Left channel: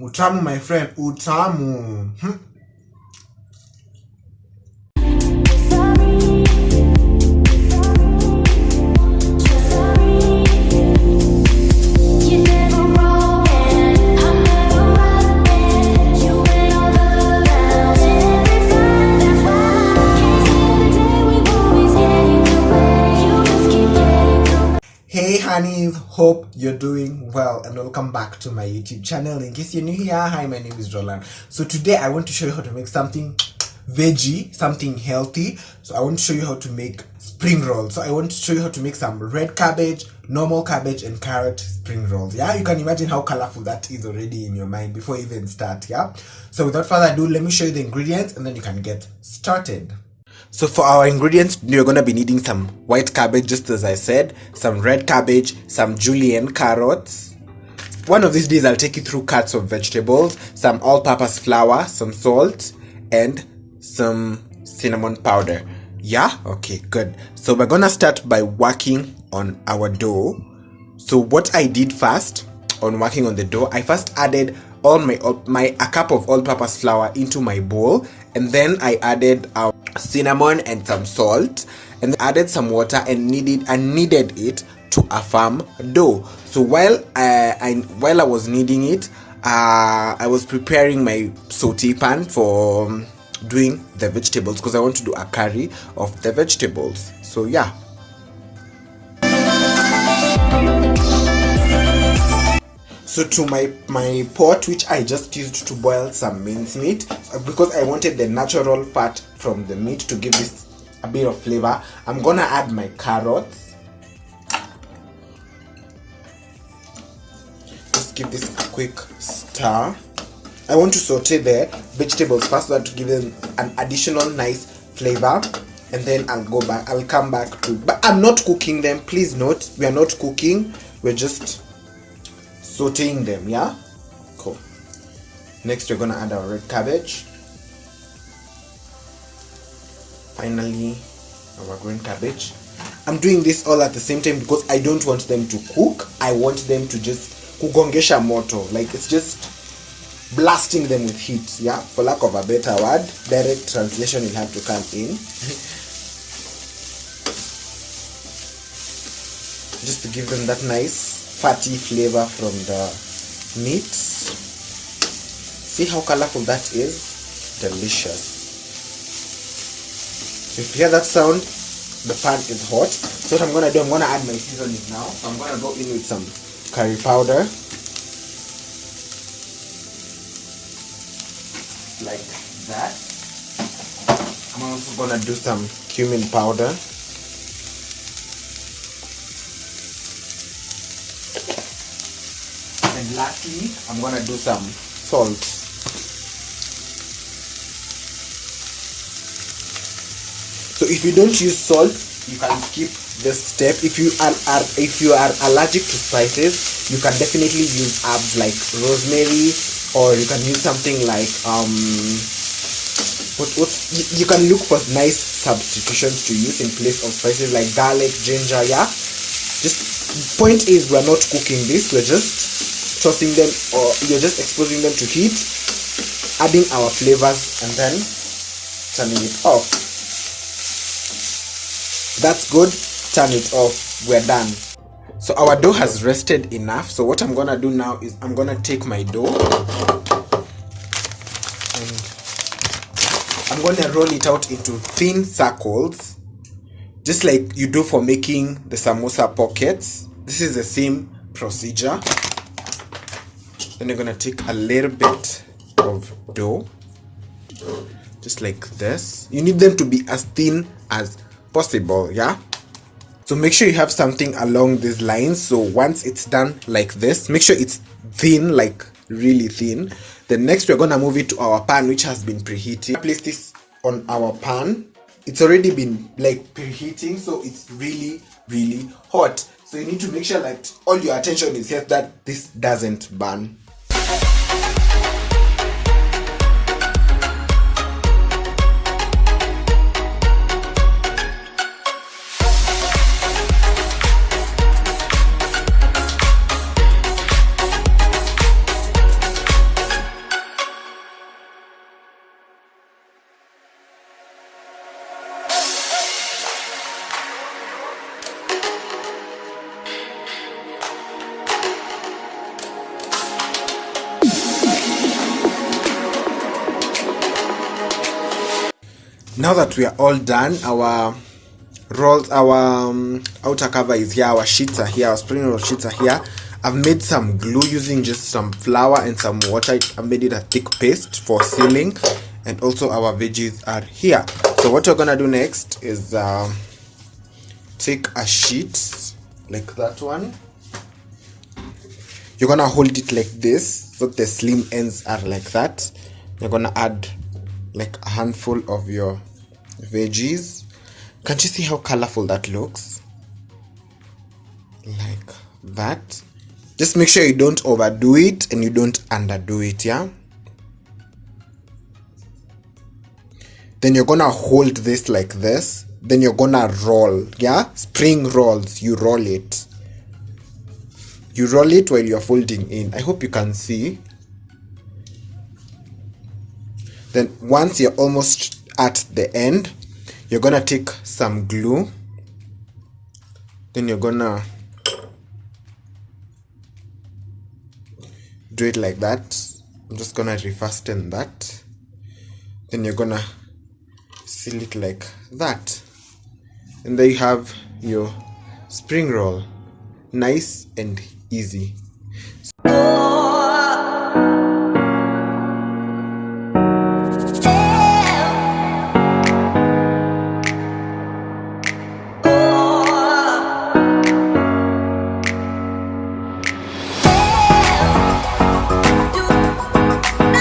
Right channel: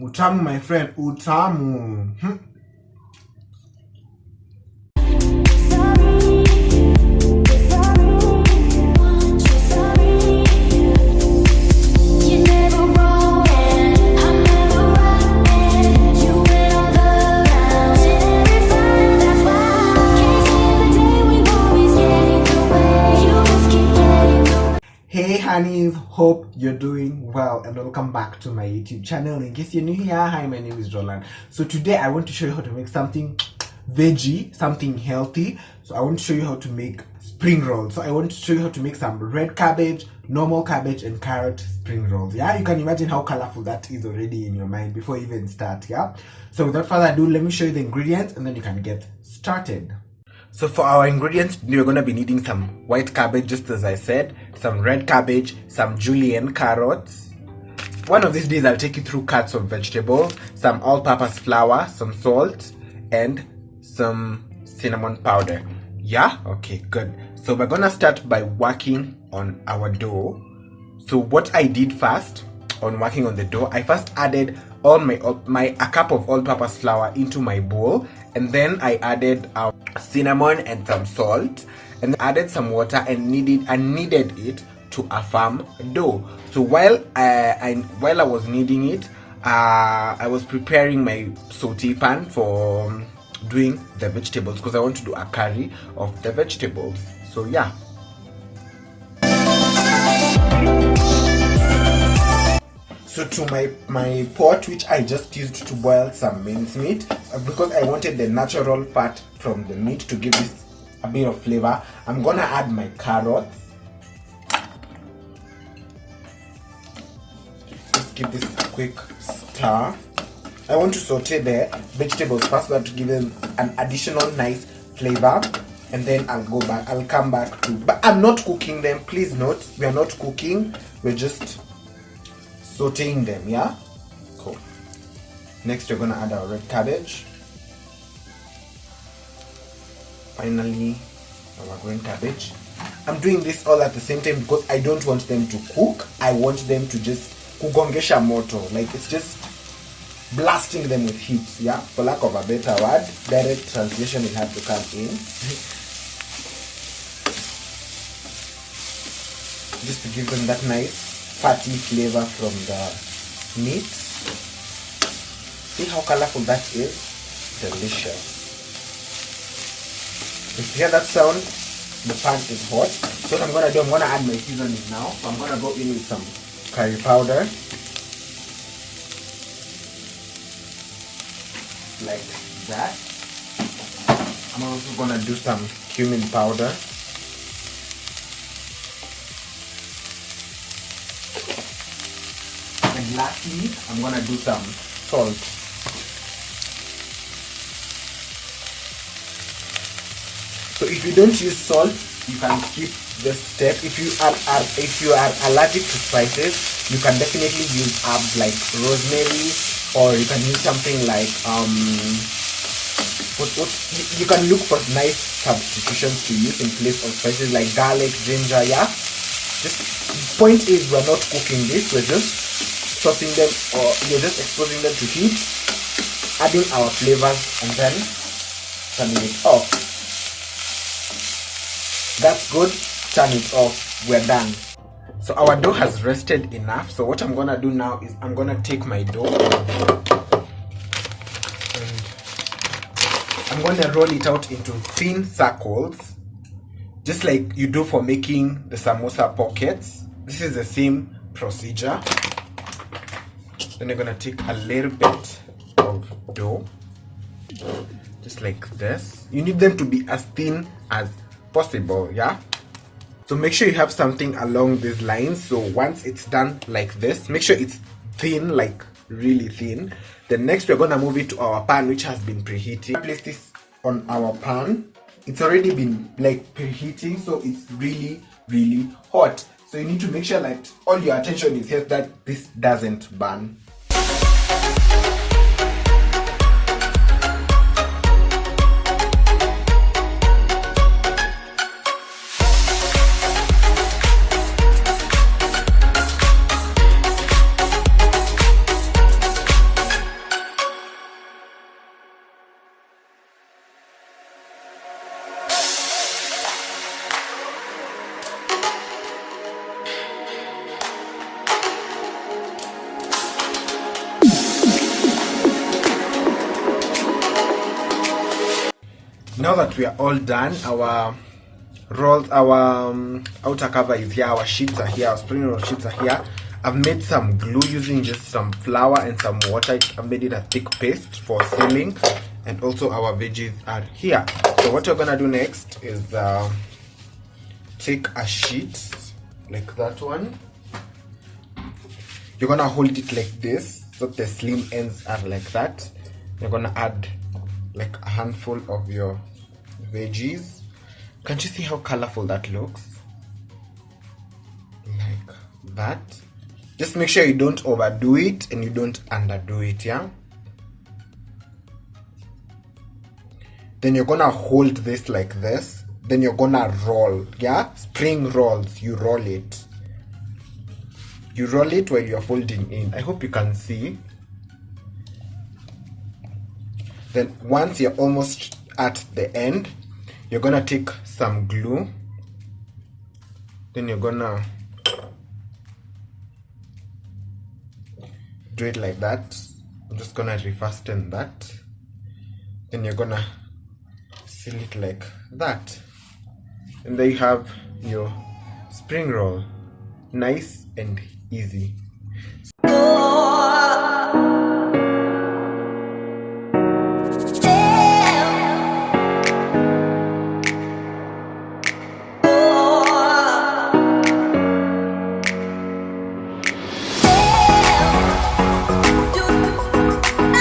Utamu, my friend. Utamu. Hey honeys, hope you're doing well and welcome back to my YouTube channel. In case you're new here, hi, my name is Rolland. So today I want to show you how to make something veggie, something healthy. So I want to show you how to make spring rolls. So I want to show you how to make some red cabbage, normal cabbage and carrot spring rolls. Yeah, you can imagine how colorful that is already in your mind before you even start. Yeah, so without further ado, let me show you the ingredients and then you can get started. So for our ingredients, you're going to be needing some white cabbage, just as I said, some red cabbage, some julienne carrots. One of these days I'll take you through cuts of vegetables, some all-purpose flour, some salt, and some cinnamon powder. Yeah? Okay, good. So we're going to start by working on our dough. So what I did first on working on the dough, I first added a cup of all-purpose flour into my bowl, and then I added cinnamon and some salt, and added some water and kneaded it to a firm dough. So while I was kneading it, I was preparing my saute pan for doing the vegetables, because I want to do a curry of the vegetables. So yeah. So to my pot, which I just used to boil some mincemeat, because I wanted the natural fat from the meat to give this a bit of flavor, I'm gonna add my carrots. Just give this a quick stir. I want to saute the vegetables first so that to give them an additional nice flavor, and then I'll come back to, but I'm not cooking them, please note, we are not cooking, we're just sauteing them. Yeah, cool. Next we're gonna add our red cabbage, finally our green cabbage. I'm doing this all at the same time because I don't want them to cook, I want them to just kugongesha moto, like it's just blasting them with heat. Yeah, for lack of a better word, direct translation will have to come in. Just to give them that nice fatty flavor from the meat. See how colorful that is? Delicious. If you hear that sound, the pan is hot. So what I'm gonna do, I'm gonna add my seasoning now. So I'm gonna go in with some curry powder, like that. I'm also gonna do some cumin powder. And lastly, I'm gonna do some salt. So if you don't use salt, you can skip this step. If you are allergic to spices, you can definitely use herbs like rosemary, or you can use something like you can look for nice substitutions to use in place of spices like garlic, ginger. Yeah, just point is, we're not cooking this, we're just tossing them, or you're just exposing them to heat, adding our flavors, and then turning it off. That's good. Turn it off. We're done. So our dough has rested enough. So what I'm gonna do now is I'm gonna take my dough and I'm gonna roll it out into thin circles, just like you do for making the samosa pockets. This is the same procedure. Then you're gonna take a little bit of dough, just like this. You need them to be as thin as possible. Yeah, so make sure you have something along these lines. So once it's done like this, make sure it's thin, like really thin. Then next we're gonna move it to our pan, which has been preheating. Place this on our pan. It's already been like preheating, so it's really hot. So you need to make sure that all your attention is here, that this doesn't burn. Now that we are all done, our rolls, our outer cover is here, our sheets are here, our spring roll sheets are here. I've made some glue using just some flour and some water. I've made it a thick paste for sealing, and also our veggies are here. So what we're gonna do next is take a sheet like that one. You're gonna hold it like this so the slim ends are like that. You're gonna add like a handful of your veggies. Can't you see how colorful that looks? Like that. Just make sure you don't overdo it and you don't underdo it, yeah? Then you're gonna hold this like this. Then you're gonna roll, yeah? Spring rolls, you roll it. You roll it while you're folding in. I hope you can see. Then once you're almost at the end, you're gonna take some glue. Then you're gonna do it like that. I'm just gonna refasten that. Then you're gonna seal it like that. And there you have your spring roll. Nice and easy.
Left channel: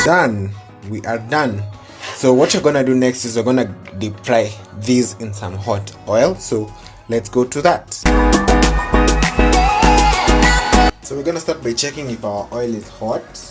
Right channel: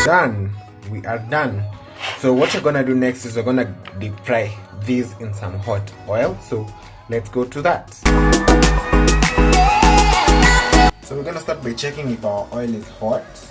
Done. We are done. So what you're gonna do next is you're gonna deep fry these in some hot oil. So let's go to that. So we're gonna start by checking if our oil is hot.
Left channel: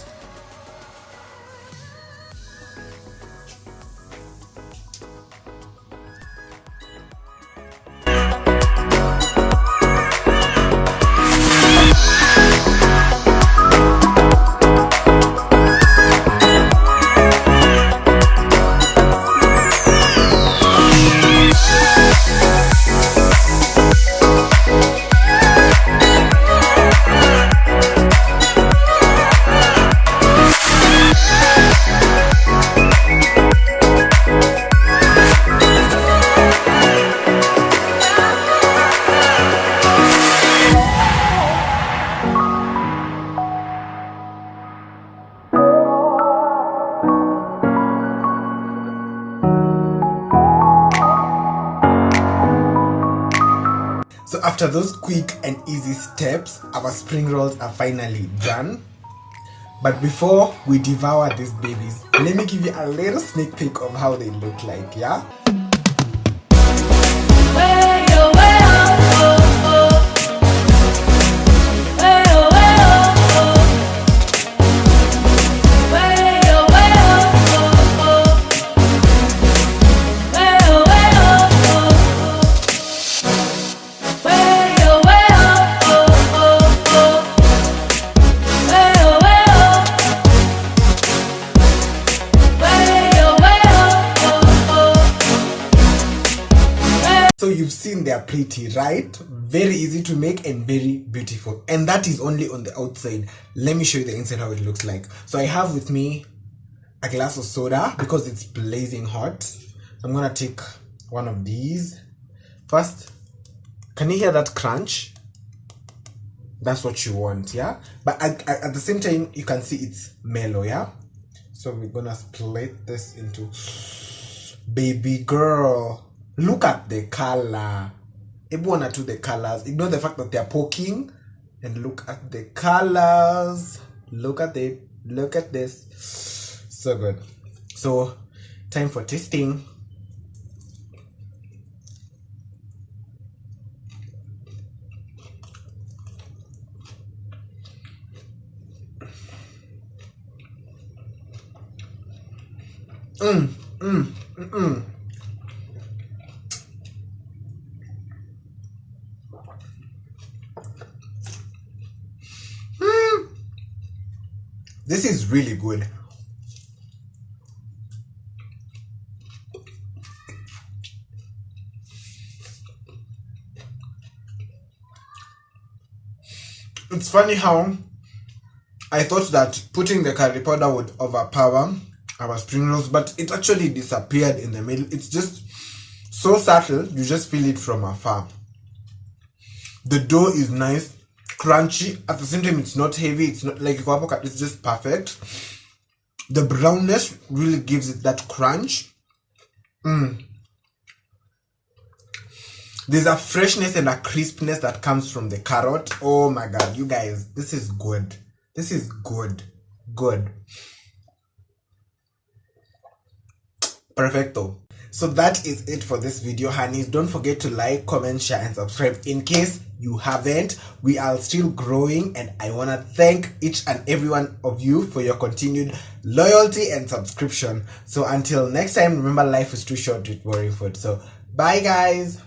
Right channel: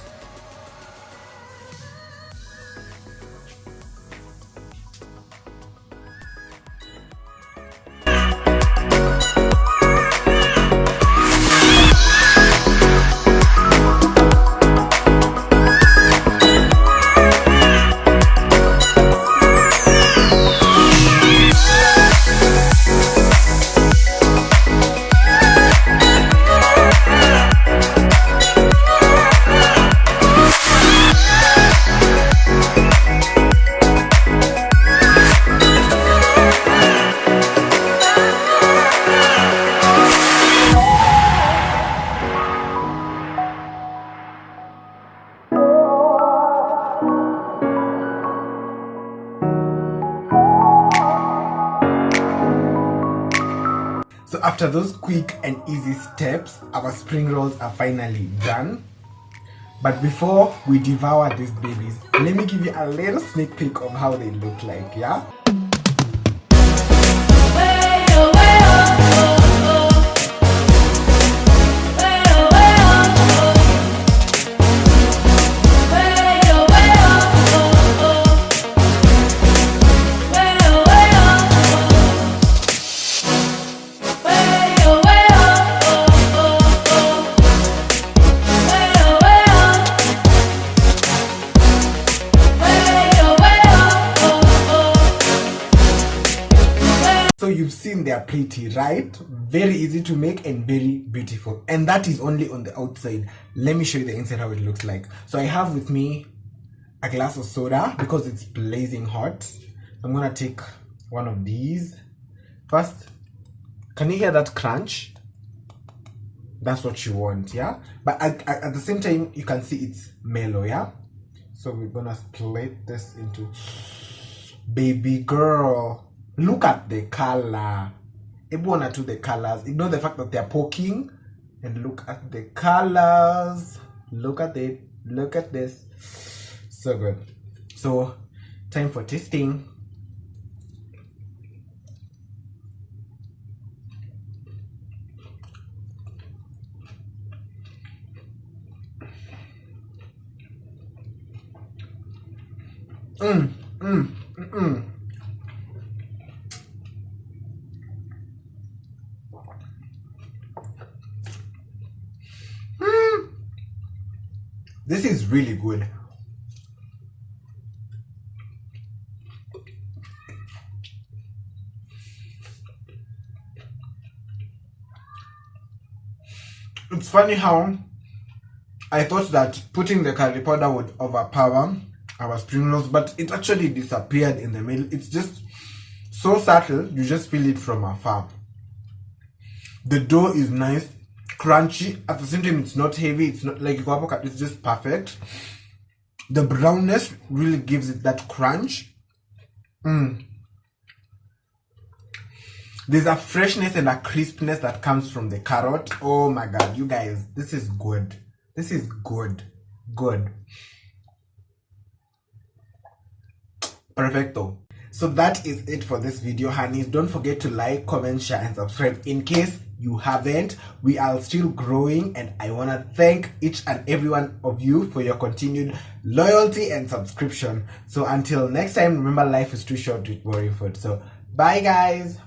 So after those quick and easy steps, our spring rolls are finally done. But before we devour these babies, let me give you a little sneak peek of how they look like, yeah? So you've seen they're pretty, right? Very easy to make and very beautiful. And that is only on the outside. Let me show you the inside how it looks like. So I have with me a glass of soda because it's blazing hot. I'm gonna take one of these. First, can you hear that crunch? That's what you want, yeah? But at the same time, you can see it's mellow, yeah? So we're gonna split this into... Baby girl. Look at the color. Everyone to the colors. Ignore the fact that they are poking. And look at the colors. Look at it. Look at this. So good. So, time for tasting. This is really good. It's funny how I thought that putting the curry powder would overpower our spring rolls, but it actually disappeared in the middle. It's just so subtle, you just feel it from afar. The dough is nice, crunchy, at the same time it's not heavy, it's not like it's just perfect. The brownness really gives it that crunch. There's a freshness and a crispness that comes from the carrot. Oh my god, you guys, this is good. This is good. Good. Perfecto. So that is it for this video, honeys. Don't forget to like, comment, share, and subscribe in case you haven't. We are still growing, and I want to thank each and every one of you for your continued loyalty and subscription. So until next time, remember, life is too short with boring food. So bye guys.